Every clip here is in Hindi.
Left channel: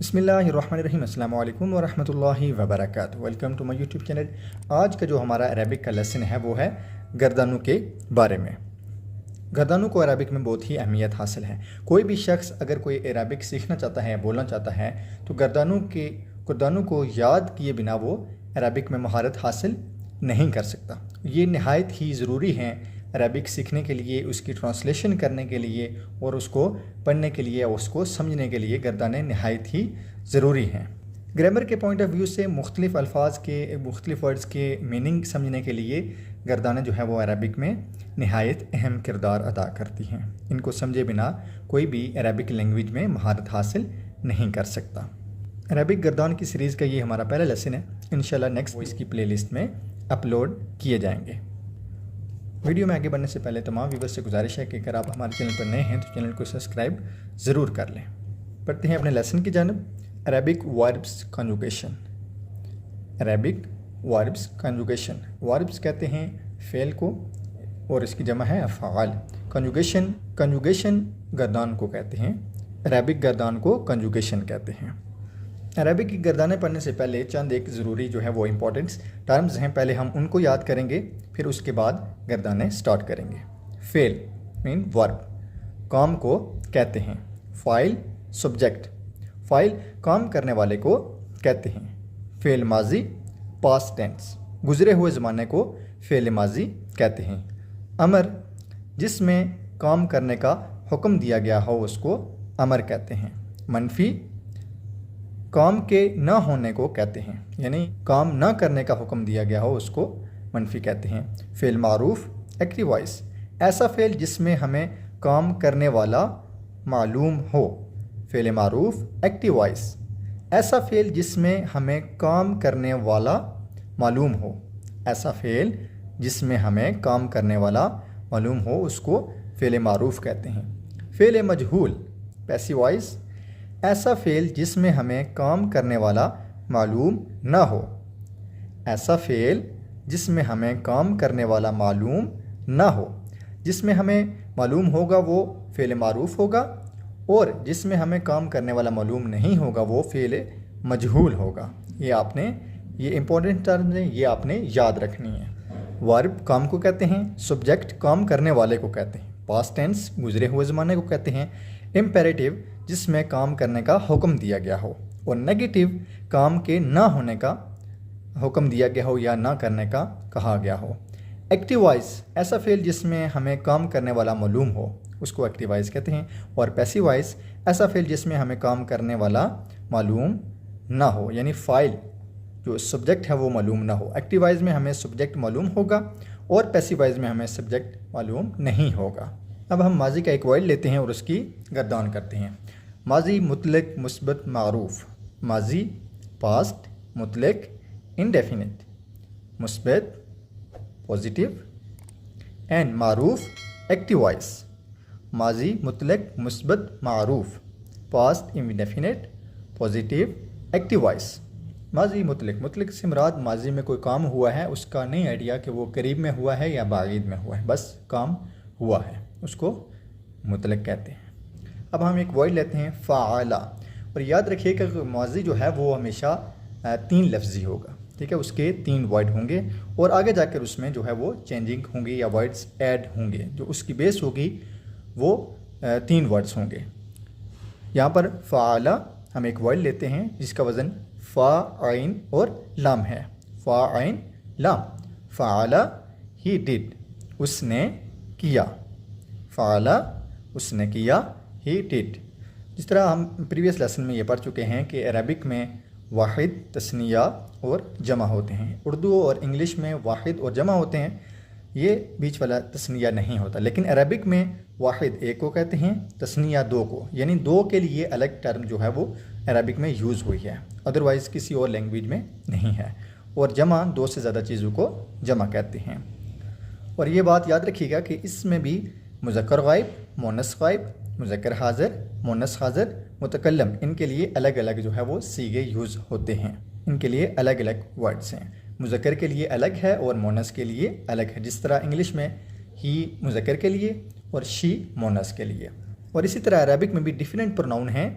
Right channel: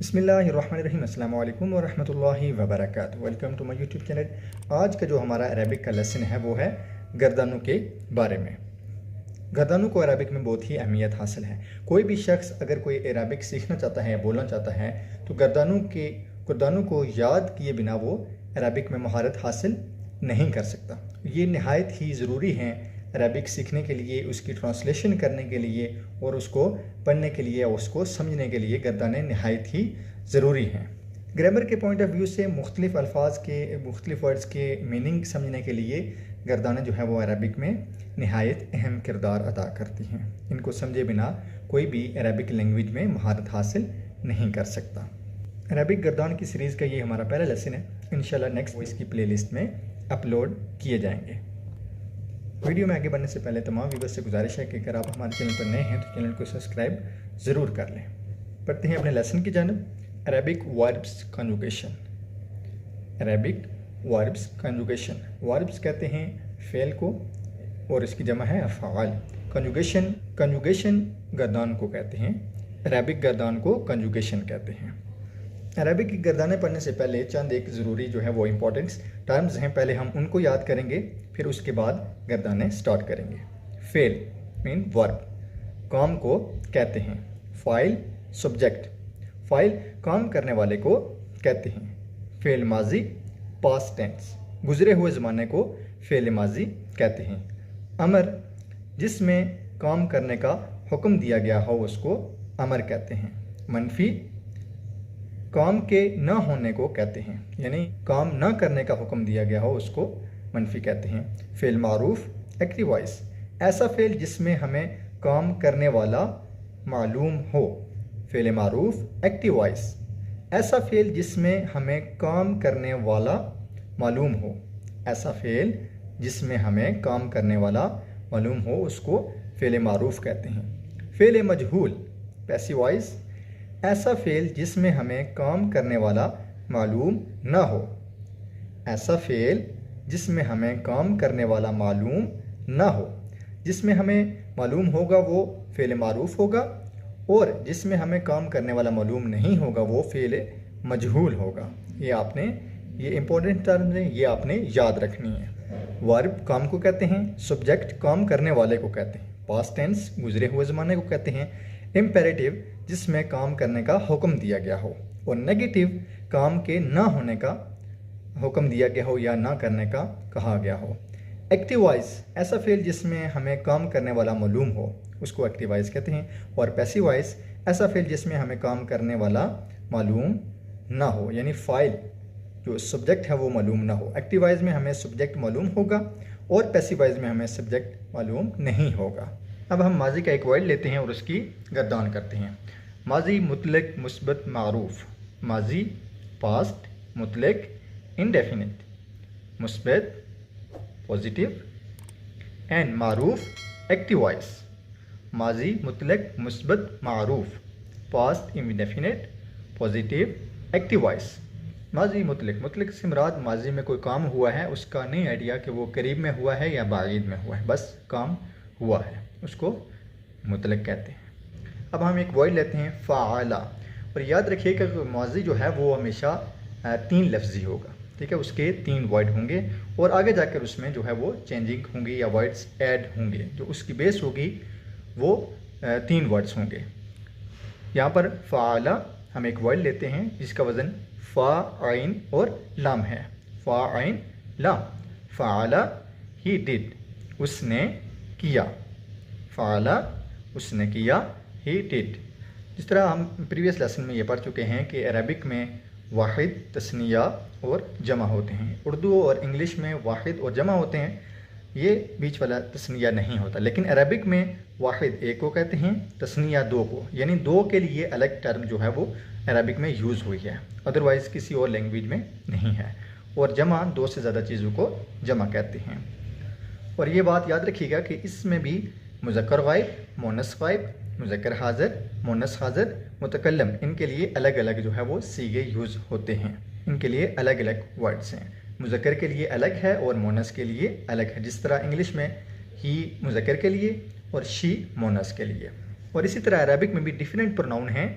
बिस्मिल्लाहिर्रहमानिर्रहीम अस्सलामु अलैकुम वरहमतुल्लाहि वबरकातुहू। Welcome to my YouTube channel. आज का जो हमारा अरबिक का लेसन है वो है गर्दनों के बारे में। गर्दनों को अरबिक में बहुत ही अहमियत हासिल है। कोई भी शख्स अगर कोई अरबिक सीखना चाहता है, बोलना चाहता है, तो गर्दनों को याद किए बिना वो अरबिक में महारत हासिल नहीं कर सकता। ये नहायत ही ज़रूरी है अरबिक सीखने के लिए, उसकी ट्रांसलेशन करने के लिए और उसको पढ़ने के लिए, उसको समझने के लिए गर्दनें नहायत ही ज़रूरी हैं। ग्रामर के पॉइंट ऑफ व्यू से मुख्तलिफ़ अल्फाज के, मुख्तलिफ़ वर्ड्स के मीनिंग समझने के लिए गर्दनें जो है वो अरबिक में नहायत अहम किरदार अदा करती हैं। इनको समझे बिना कोई भी अरबिक लैंग्वेज में महारत हासिल नहीं कर सकता। अरबिक गर्दान की सीरीज़ का ये हमारा पहला लेसन है। इंशाल्लाह नेक्स्ट इसकी प्लेलिस्ट में अपलोड किए जाएंगे। वीडियो में आगे बढ़ने से पहले तमाम व्यूअर्स से गुजारिश है कि अगर आप हमारे चैनल पर नए हैं तो चैनल को सब्सक्राइब ज़रूर कर लें। पढ़ते हैं अपने लेसन की जानब। Arabic verbs conjugation. Arabic verbs conjugation. Verbs कहते हैं फ़ेल को और इसकी जमा है अफ़आल। कंजुगेशन गर्दान को कहते हैं। अरबिक गर्दान को कंजुगेशन कहते हैं। अरबिक की गर्दानें पढ़ने से पहले चंद एक ज़रूरी जो है वो इम्पोर्टेंट टर्म्स हैं, पहले हम उनको याद करेंगे, फिर उसके बाद गर्दानें स्टार्ट करेंगे। फेल मीन वर्ब, काम को कहते हैं। फाइल सब्जेक्ट, फाइल काम करने वाले को कहते हैं। फेल माजी पास्ट टेंस, गुजरे हुए ज़माने को फेल माजी कहते हैं। अमर, जिसमें काम करने का हुक्म दिया गया हो उसको अमर कहते हैं। मनफी, काम के न होने को कहते हैं, यानी काम न करने का हुक्म दिया गया हो उसको मनफी कहते हैं। फ़ेल मारूफ एक्टिव वॉइस, ऐसा फ़ेल जिसमें हमें काम करने वाला मालूम हो। फ़ेल मारूफ एक्टिव वॉइस, ऐसा फ़ेल जिसमें हमें काम करने वाला मालूम हो। ऐसा फ़ेल जिसमें हमें काम करने वाला मालूम हो उसको फ़ेल मारूफ कहते हैं। फ़ेल मजहूल पैसिव वॉइस, ऐसा फ़ेल जिसमें हमें काम करने वाला मालूम न हो। ऐसा फ़ेल जिसमें हमें काम करने वाला मालूम न हो। जिसमें हमें मालूम होगा वो फ़ेल मारूफ होगा और जिसमें हमें काम करने वाला मालूम नहीं होगा वो फ़ेल मजहूल होगा। ये इंपॉर्टेंट टर्म है, ये आपने याद रखनी है। वर्ब काम को कहते हैं। सब्जेक्ट काम करने वाले को कहते हैं। पास्ट टेंस गुजरे हुए ज़माने को कहते हैं। इम्पेरेटिव, जिसमें काम करने का हुक्म दिया गया हो। और नेगेटिव, काम के ना होने का हुक्म दिया गया हो या ना करने का कहा गया हो। एक्टिव वॉइस, ऐसा फ़ेल जिसमें हमें काम करने वाला मालूम हो उसको एक्टिव वॉइस कहते हैं। और पैसिव वॉइस, ऐसा फ़ेल जिसमें हमें काम करने वाला मालूम ना हो, यानी फ़ाइल जो सब्जेक्ट है वो मालूम ना हो। एक्टिव वॉइस में हमें सब्जेक्ट मालूम होगा और पैसिव वॉइस में हमें सब्जेक्ट मालूम नहीं होगा। अब हम माजी का एक वर्ड लेते हैं और उसकी गर्दान करते हैं। माजी मुतलक मुस्बत मारूफ। माजी पास्ट, मुतलक इंडेफिनिट, मुस्बत पॉजिटिव एंड मारूफ एक्टिव वॉइस। माजी मुतलक मुस्बत मारूफ, past indefinite, positive active voice. माजी मुतलक से मुराद माजी में कोई काम हुआ है, उसका नहीं आइडिया कि वो करीब में हुआ है या बाईद में हुआ है, बस काम हुआ है, उसको मुतलक कहते हैं। अब हम एक वर्ड लेते हैं फ़ाला, और याद रखिएगा कि माजी जो है वो हमेशा 3 लफ्ज़ी होगा, ठीक है। उसके 3 वर्ड होंगे और आगे जाकर उसमें जो है वो चेंजिंग होंगे या वर्ड्स ऐड होंगे। जो उसकी बेस होगी वो 3 वर्ड्स होंगे। यहाँ पर फ़ाला हम एक वर्ड लेते हैं जिसका वज़न फ़ा आइन और लाम है। फ़ा आइन लाम। फ़ाला ही डिड, उसने किया। फ़ाला उसने किया, ही डिड। जिस तरह हम प्रीवियस लेसन में ये पढ़ चुके हैं कि अरबिक में वाहिद, तस्निया और जमा होते हैं। उर्दू और इंग्लिश में वाहिद और जमा होते हैं, ये बीच वाला तस्निया नहीं होता। लेकिन अरबिक में वाहिद एक को कहते हैं, तस्निया 2 को, यानी 2 के लिए अलग टर्म जो है वो अरबिक में यूज़ हुई है, अदरवाइज़ किसी और लैंग्वेज में नहीं है। और जमा 2 से ज़्यादा चीज़ों को जमा कहते हैं। और ये बात याद रखिएगा कि इसमें भी मुज़क्कर गायब, मुअन्नस गायब, मुज़क्कर हाज़िर, मुअन्नस हाज़िर, मुतकल्लम, इनके लिए अलग अलग जो है वो सीगे यूज़ होते हैं। इनके लिए अलग अलग वर्ड्स हैं। मुज़क्कर के लिए अलग है और मुअन्नस के लिए अलग है। जिस तरह इंग्लिश में ही मुज़क्कर के लिए और शी मुअन्नस के लिए। और इसी तरह अरबिक में भी डिफरेंट प्रोनाउन हैं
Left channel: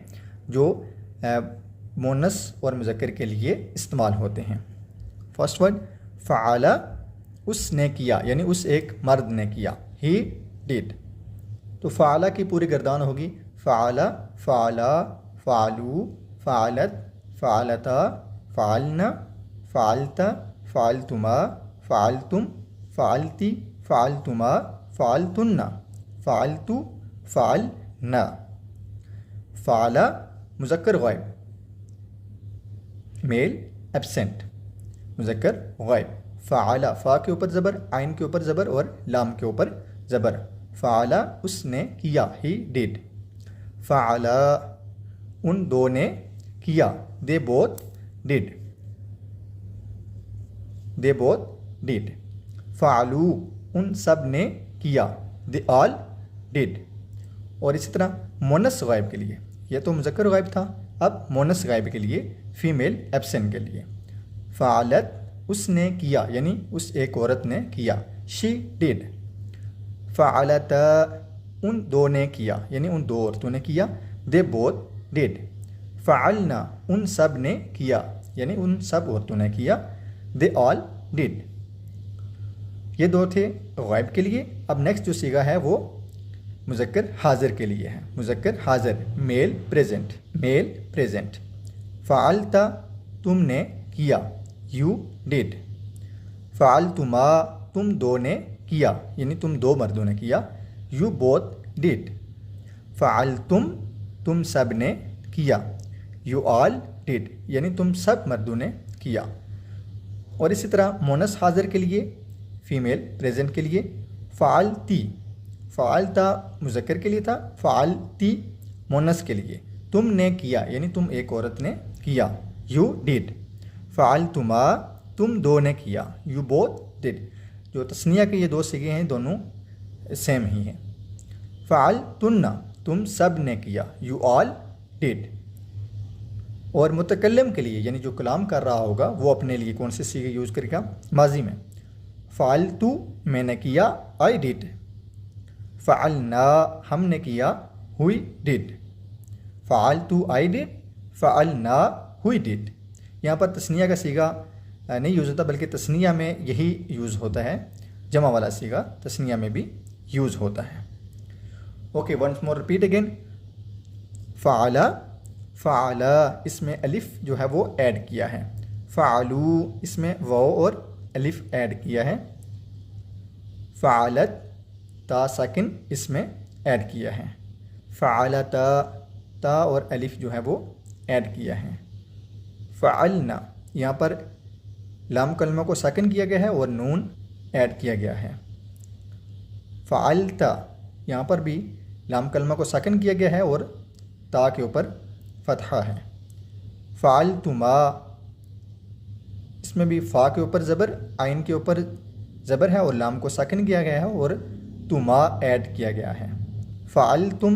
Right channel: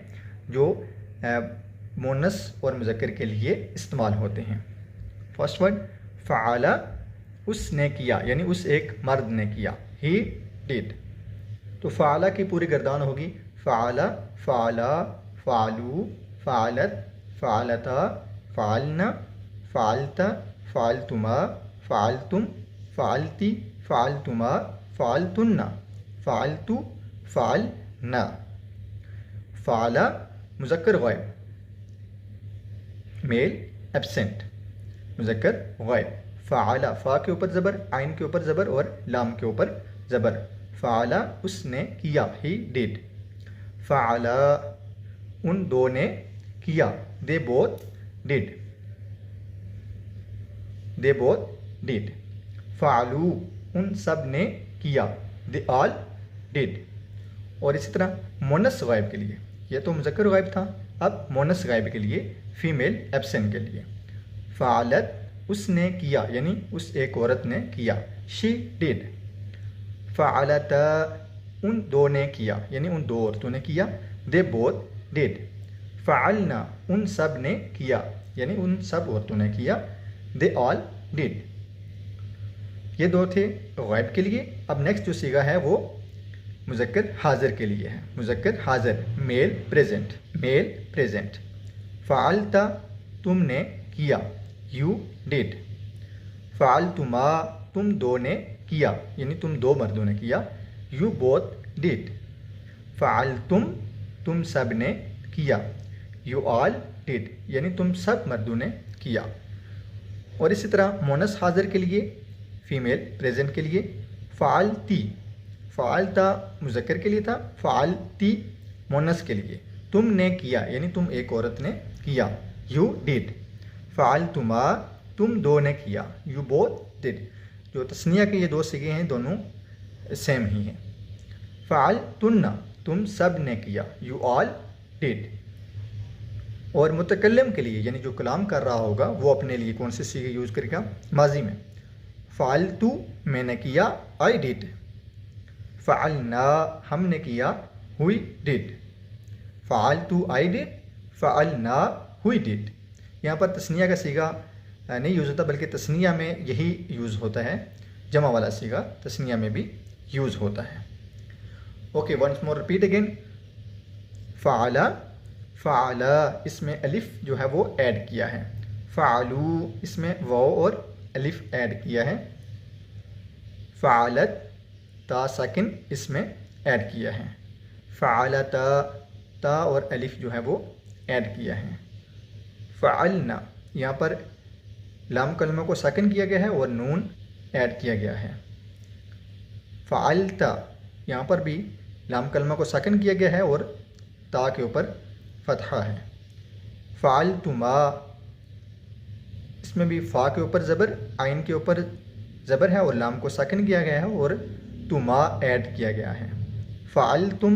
जो मोनस और मुज़क्कर के लिए इस्तेमाल होते हैं। फर्स्ट वर्ड फ़अला, उसने किया यानी उस एक मर्द ने किया, ही डिड। तो फ़अला की पूरी गर्दान होगी फ़अला, फ़अला, फ़अलू, फ़अलत, फ़अलता, फ़अलना, फ़अलता, फ़अलतुमा, फ़अलतुम, फ़अलती, फ़अलतुमा, फ़अलतुन्ना, फ़अलतु, फ़अलना। फ़अला मुज़क्कर गायब, मेल एब्सेंट, मुज़क्कर गायब। फ़अला, फ़ा के ऊपर ज़बर, आइन के ऊपर ज़बर और लाम के ऊपर ज़बर। फ़अला उसने किया, ही डिड। फ़अला उन दो ने किया, they both did, they both did. फ़अलू उन सब ने किया, दे ऑल डिड। और इसी तरह मोनस गायब के लिए, यह तो मुज़क्कर गायब था, अब मोनस गायब के लिए फीमेल एब्सेंट के लिए फ़अलत उसने किया यानी उस एक औरत ने किया, शी डिड। फ़अलता उन दो ने किया यानी उन दो औरतों ने किया, दे बोथ डिड। फ़अलना उन सब ने किया यानी उन सब औरतों ने किया, दे ऑल डिड। ये दो थे गायब के लिए। अब नेक्स्ट जो सीगा है वो मुज़क्कर हाज़िर के लिए है। मुज़क्कर हाज़िर, मेल प्रेजेंट, मेल प्रेजेंट। फ़अलता तुमने किया, यू डिड। फ़अलतुमा तुम दो ने किया यानी तुम दो मर्दों ने किया, यू बोथ डिड। फ़अलतुम तुम सब ने किया, यू ऑल डिड यानी तुम सब मर्दों ने किया। और इसी तरह मोनस हाज़िर के लिए, फीमेल प्रेजेंट के लिए फ़अलती, फ़अलता मुज़क्कर के लिए था, फ़अलती मोनस के लिए, तुमने किया यानी तुम एक औरत ने किया, यू डिड। फ़अलतुमा तुम दो ने किया, यू बोथ डिड। जो तस्निया के ये दो सिगे हैं दोनों सेम ही हैं। फ़अलतुन्ना तुम सब ने किया, यू ऑल डिड। और मुतकल्लिम के लिए यानी जो कलाम कर रहा होगा वो अपने लिए कौन से सीगे यूज़ करेगा, माजी में फ़अलतु मैंने किया, आई डिड। फ़अलना हमने किया, हुई डिड। फ़अलतु आई डिड, फ़अलना हुई डिड। यहाँ पर तस्निया का सीगा नहीं यूज़ होता बल्कि तस्निया में यही यूज़ होता है, जमा वाला सीगा तस्निया में भी यूज़ होता है। Okay, once more repeat again. फ़अला, फ़अला इसमें अलिफ जो है वो ऐड किया है। फ़अलू इसमें वाव और अलिफ ऐड किया है। फ़अलत ता साकिन इसमें ऐड किया है। फ़अलता ता और अलिफ जो है वो ऐड किया है। फ़अलना यहाँ पर लाम कलमा को साकिन किया गया है और नून ऐड किया गया है। फ़अलता यहाँ पर भी लाम कलमा को साकिन किया गया है और ता के ऊपर फ़तहा है। फ़अलतुमा इसमें भी फ़ा के ऊपर ज़बर, आइन के ऊपर ज़बर है और लाम को साकिन किया गया है और तुमा ऐड किया गया है। फ़अलतुम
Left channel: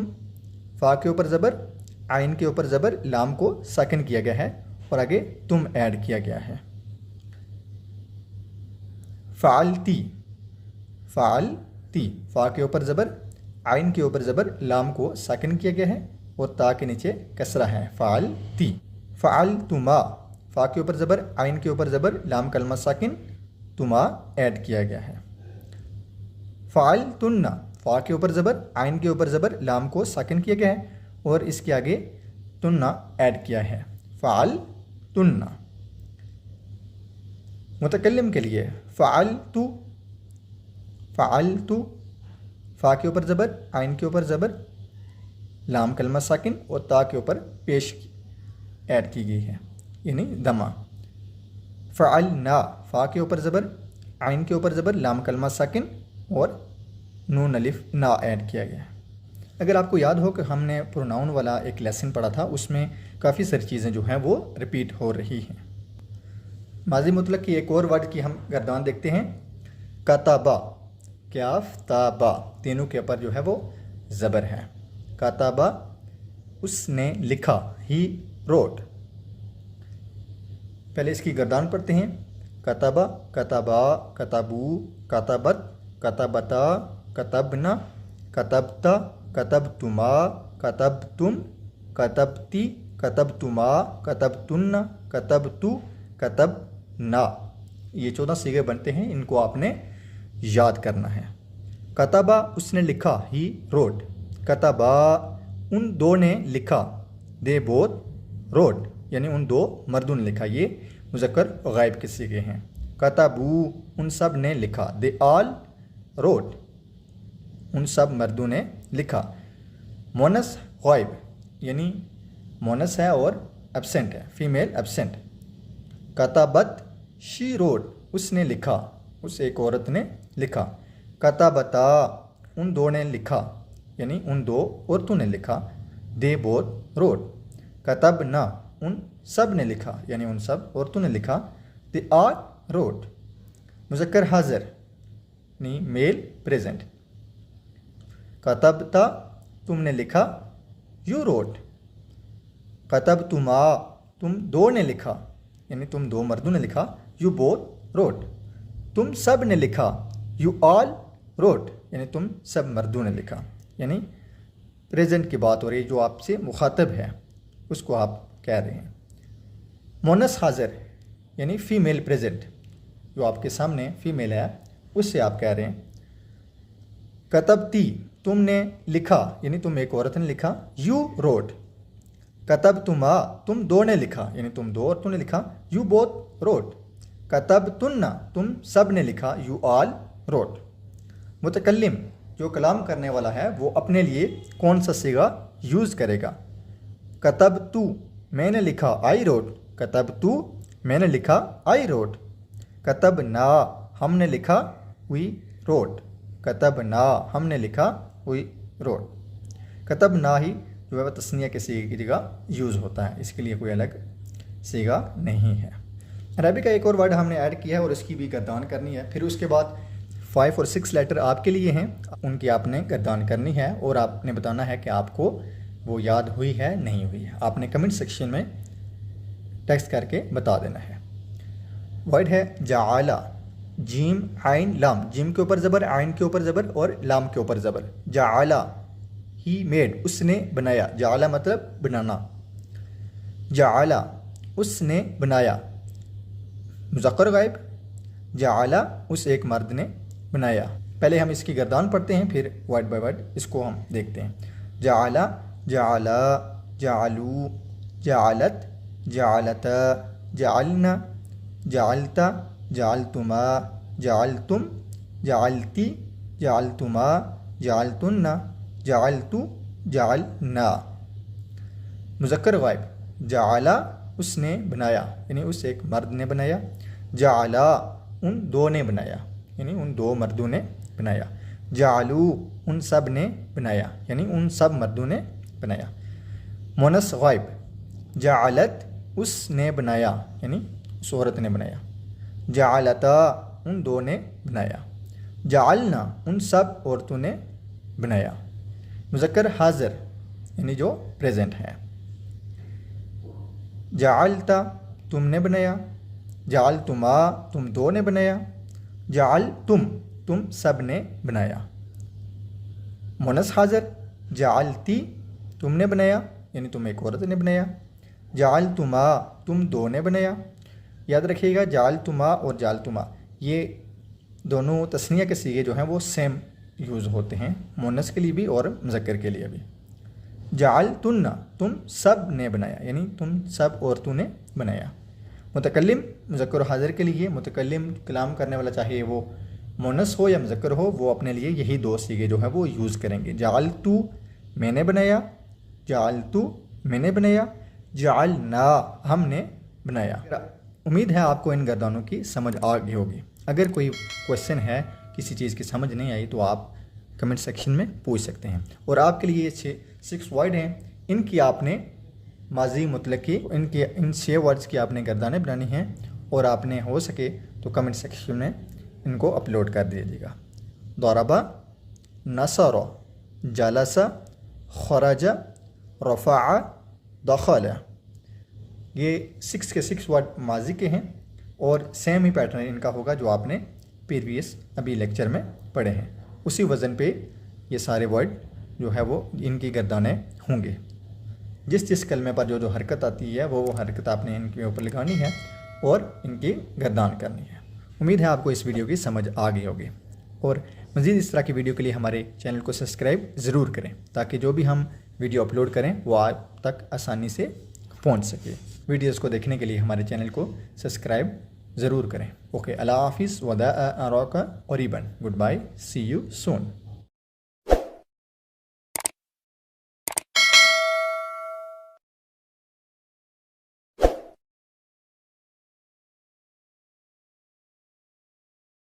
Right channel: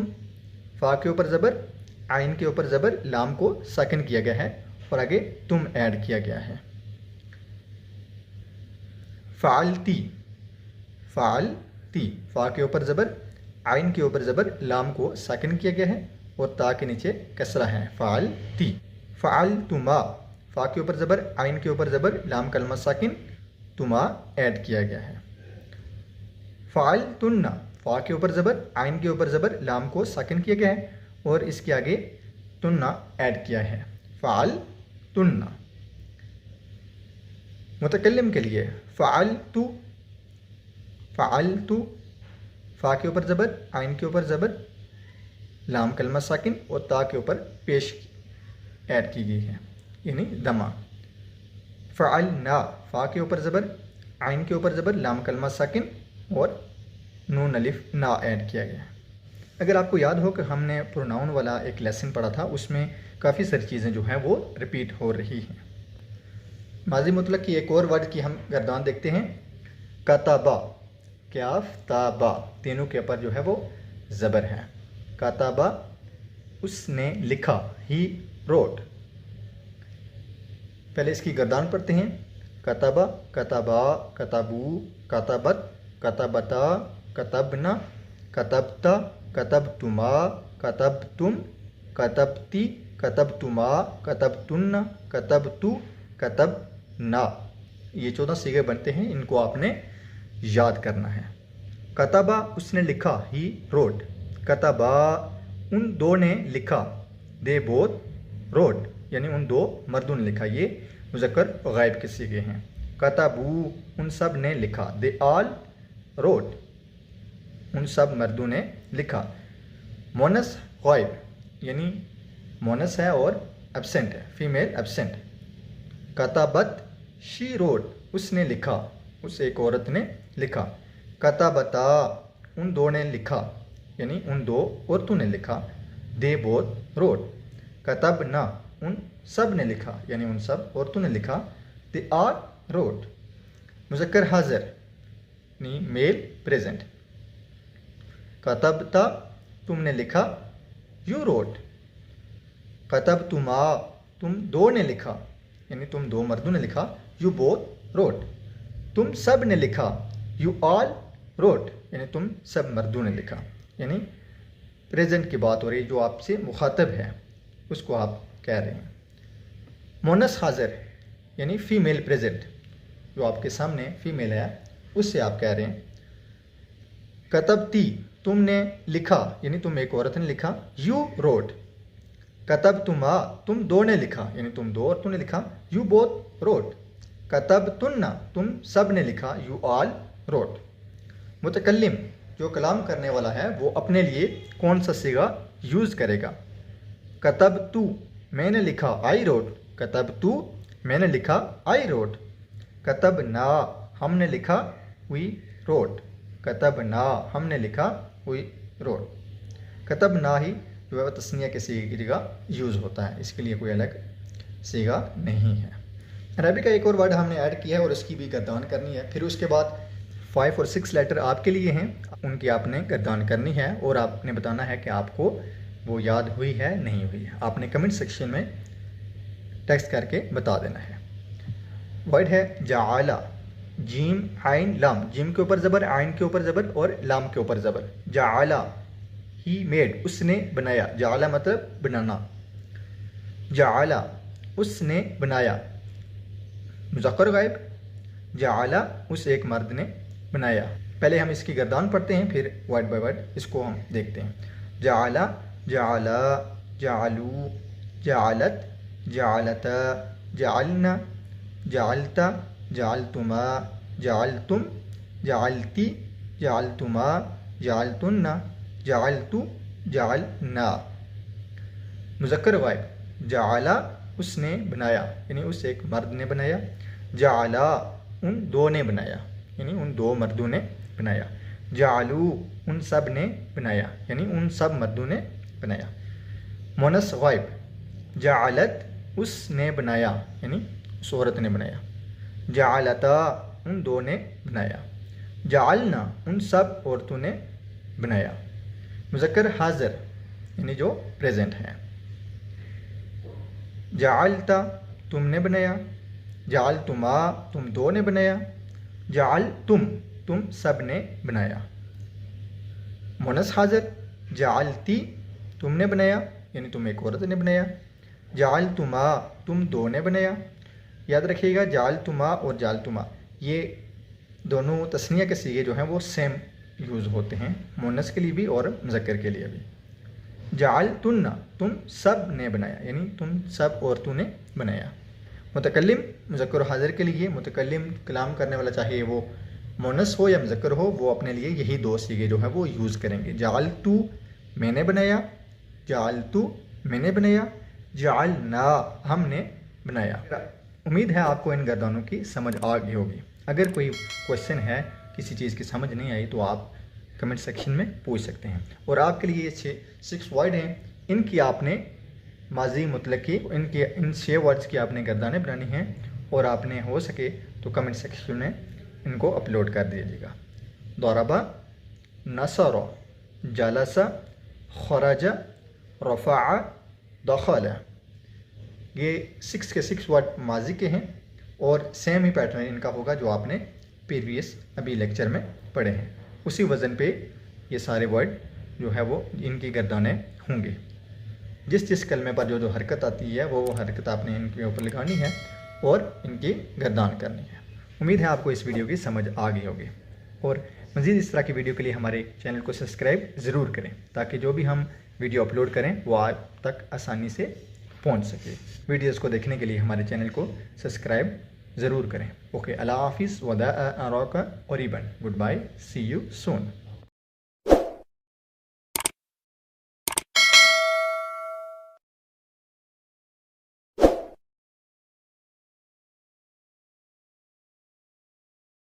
फ़ा के ऊपर ज़बर, आइन के ऊपर ज़बर, लाम को साकिन किया गया है और आगे तुम ऐड किया गया है। फ़अलती, फ़अलती फ़ा के ऊपर ज़बर, आइन के ऊपर ज़बर, लाम को साकिन किया गया है और ता के नीचे कसरा है, फ़अलती। फ़अलतुमा फ़ा के ऊपर ज़बर, आइन के ऊपर ज़बर, लाम कलमा साकिन, तुमा ऐड किया गया है। फ़अलतुन्ना फ़ा के ऊपर ज़बर, आइन के ऊपर ज़बर, लाम को साकिन किया गया है और इसके आगे तुन्ना ऐड किया है, फ़अलतुन्ना। मुतकल्लिम के लिए फ़अलतु, फ़अलतु फ़ा के ऊपर ज़बर, आइन के ऊपर ज़बर, लाम कलमा साकिन और ता के ऊपर पेश ऐड की गई है यानी दमा। फ़अलना फ़ा के ऊपर ज़बर, आइन के ऊपर ज़बर, लाम कलमा साकिन और नून अलिफ ना ऐड किया गया है। अगर आपको याद हो कि हमने प्रोनाउन वाला एक लेसन पढ़ा था, उसमें काफ़ी सारी चीज़ें जो हैं वो रिपीट हो रही हैं। माजी मुतलक की एक और वर्ड की हम गर्दान देखते हैं, कतबा, क्याफ ताबा तीनों के ऊपर जो है वो ज़बर है। कतबा उसने लिखा, ही रोट। पहले इसकी गर्दान पढ़ते हैं, कतबा, कतबा, कतबू, कतबत, कतबता, कतबना, कतबता, कतबतुमा, कतबतुम, कतबती, कतबतुमा, कतबतुन्ना, कतबतु, कतबना। ये 14 सीगे बनते हैं, इनको आपने याद करना है। कतबा उसने लिखा, ही रोट। कतबा उन दो ने लिखा, दे बोथ रोट, यानी उन दो मर्दों ने लिखा। ये मुज़क्कर गायब के सीगे हैं। कतबू उन सब ने लिखा, दे ऑल रोट, उन सब मर्दों ने लिखा। मोनस गायब यानी मोनस है और एब्सेंट है, फीमेल एब्सेंट। कतबत शी रोट उसने लिखा, उस एक औरत ने लिखा। कतबता उन दो ने लिखा, यानी उन दो औरतों ने लिखा। They both road. कतबना उन सब ने लिखा, यानी उन सब औरतों ने लिखा। They are road. मुज़क्कर हाज़िर यानी मेल प्रेजेंट। कतबता तुमने लिखा, यू रोट। कतबतुमा तुम दो ने लिखा, यानी तुम दो मर्दों ने लिखा। You both wrote. तुम सब ने लिखा, यू ऑल रोट, यानी तुम सब मर्दों ने लिखा। यानी प्रेजेंट की बात हो रही है, जो आपसे मुखातब है उसको आप कह रहे हैं। मोनस हाज़िर यानी फ़ीमेल प्रेजेंट, जो आपके सामने फ़ीमेल है उससे आप कह रहे हैं। कतबती तुमने लिखा, यानी तुम एक औरत ने लिखा। You wrote. कतबतुमा तुम दो ने लिखा, यानी तुम दो औरतों ने लिखा। You both road. कतबतुन्ना तुम सब ने लिखा। You all road. मुतकल्लिम जो कलाम करने वाला है वो अपने लिए कौन सा सीगा यूज़ करेगा। कतबतु मैंने लिखा, आई रोट। कतबतु मैंने लिखा, आई रोट। कतबना हमने लिखा, वी रोट। कतबना हमने लिखा, वी रोट। कतबना ही जो है तस्निया के सीगे की जगह यूज़ होता है, इसके लिए कोई अलग सीगा नहीं है। अरबी का एक और वर्ड हमने ऐड किया है और उसकी भी गर्दान करनी है। फिर उसके बाद 5 और 6 लेटर आपके लिए हैं, उनकी आपने गर्दान करनी है और आपने बताना है कि आपको वो याद हुई है नहीं हुई है। आपने कमेंट सेक्शन में टेक्स्ट करके बता देना है। वर्ड है जाला, जीम आइन लाम। जीम के ऊपर ज़बर, आइन के ऊपर ज़बर और लाम के ऊपर ज़बर। जाला ही मेड उसने बनाया। जाला मतलब बनाना। जाला उसने बनाया। मुज़क्कर गायब। जाला उस एक मर्द ने बनाया। पहले हम इसकी गर्दान पढ़ते हैं, फिर वर्ड बाय वर्ड इसको हम देखते हैं। जाला, जाला, जालू, जालत, जालता, जालना, जालता, जालतुमा, जालतुम, जालती, जालतुमा, जालतुन्ना, जालतु, जालना। मुज़क्कर गायब। जाला उसने बनाया, यानी उस एक मर्द ने बनाया। जाला उन दो ने बनाया, यानी उन दो मर्दों ने बनाया। जालू उन सब ने बनाया, यानी उन सब मर्दों ने बनाया। मोनस गायब। जालत उसने बनाया, यानी उस औरत ने बनाया। जालता उन दो ने बनाया। जालना उन सब औरतों ने बनाया। मुज़क्कर हाज़िर यानी जो प्रेजेंट है। जालता तुमने बनाया। जालतुमा तुम दो ने बनाया। जाल तुम सब ने बनाया। मोनस हाज़िर। जालती तुमने बनाया, यानी तुम एक औरत ने बनाया। जालतुमा तुम दो ने बनाया। याद रखिएगा जालतुमा और जालतुमा ये दोनों तस्निया के सीगे जो हैं वो सेम यूज़ होते हैं, मोनस के लिए भी और मुज़क्कर के लिए भी। जालतुन्ना तुम सब ने बनाया, यानी तुम सब औरतों ने बनाया। मुतकल्लिम मुज़क्कर हाज़िर के लिए, मुतकल्लिम कलाम करने वाला चाहे वो मोनस हो या मुज़क्कर हो, वो अपने लिए यही दो सीगे जो है वो यूज़ करेंगे। जालतू मैंने बनाया। जालतू मैंने बनाया। जालना हमने बनाया। उम्मीद है आपको इन गर्दानों की समझ आ गई होगी। अगर कोई क्वेश्चन है, किसी चीज़ की समझ नहीं आई, तो आप कमेंट सेक्शन में पूछ सकते हैं। और आपके लिए ये 6 वर्ड हैं, इनकी आपने माजी मुतलक की इन 6 वर्ड्स की आपने गर्दानें बनानी हैं और आपने हो सके तो कमेंट सेक्शन में इनको अपलोड कर दीजिएगा। दौरबा, नसर, जलसा, खरजा, रफ़ा, दखल। ये 6 के 6 वर्ड माजी के हैं और सेम ही पैटर्न इनका होगा जो आपने प्रीवियस अभी लेक्चर में पढ़े हैं। उसी वज़न पे ये सारे वर्ड जो है वो इनकी गर्दानें होंगे। जिस जिस कलमे पर जो जो हरकत आती है वो हरकत आपने इनके ऊपर लगानी है और इनकी गर्दान करनी है। उम्मीद है आपको इस वीडियो की समझ आ गई होगी। और मज़ीद इस तरह की वीडियो के लिए हमारे चैनल को सब्सक्राइब ज़रूर करें ताकि जो भी हम वीडियो अपलोड करें वो आप तक आसानी से पहुंच सके। वीडियोस को देखने के लिए हमारे चैनल को सब्सक्राइब ज़रूर करें। ओके, अल्लाह हाफिज़, वदा अराका क़रीबन, good bye, see you soon.